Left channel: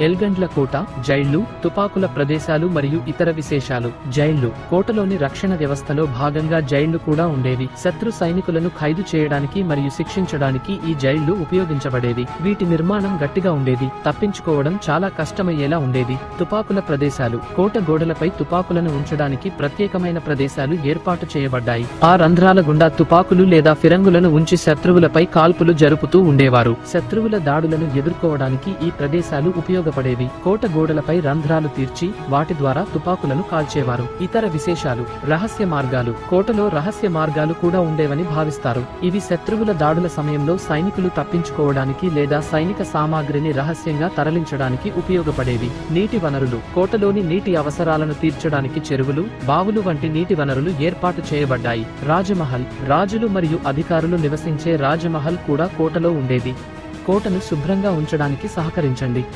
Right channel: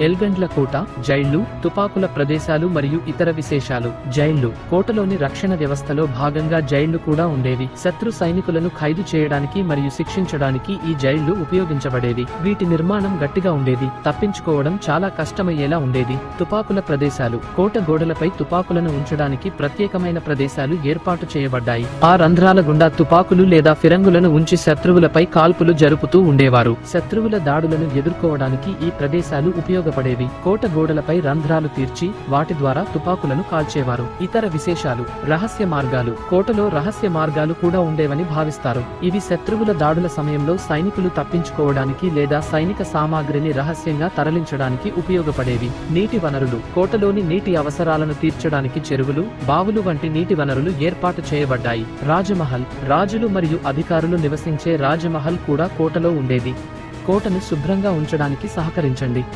ఎల్గండ్ల కోట, జైళ్లు, తుపాకుల ప్రదేశాలు మరియు ఇతర విశేషాలు. జైళ్లు కోటలోని రక్షణ వ్యవస్థలో భాగంగా జైళ్లు కూడా ఉండేవి. శత్రు సైనికులను ఖైదు చేయడానికి మరియు శిక్షించడానికి ఈ జైళ్లు ఉపయోగించబడేవి. వీటి నిర్మాణం గట్టిగా ఉండేది, తప్పించుకోవడం చాలా కష్టమయ్యేలా ఉండేది. తుపాకుల ప్రదేశాలు కోట గోడలపై తుపాకులను ఉంచడానికి ప్రత్యేకమైన ప్రదేశాలు ఏర్పాటు చేయబడ్డాయి. ఆ రంధ్రాల గుండా తుపాకులు లేదా ఫిరంగులను ఉంచి శత్రువులపై కాల్పులు జరుపుతూ ఉండేవారు. శత్రువుల దాడులను ఎదుర్కోవడానికి ఈ ప్రదేశాలు ఉపయోగపడేవి. కోట గోడలపై రంధ్రాలు తీర్చి వాటి ద్వారా తుపాకులను కాల్చేవారు. ఇతర విశేషాలు. రహస్య మార్గాలు కోటలో రహస్య మార్గాలు కూడా ఉండేవని భావిస్తారు. ఇది శత్రువుల దాడుల సమయంలో సైనికులు తప్పించుకోవడానికి లేదా సైనిక సామాగ్రిని రహస్యంగా తరలించడానికి ఉపయోగపడేవి. నీటి వనరులు కోటలోని నీటి అవసరాలను తీర్చడానికి చెరువులు, బావులు వంటి నీటి వనరులు ఏర్పాటు చేయబడ్డాయి. రాజమహల్ రాజులు మరియు అధికారులు నివసించే రాజమహల్ కూడా కోటలో ఉండేది. కోటను శుభ్రంగా ఉంచడానికి సహకరించండి.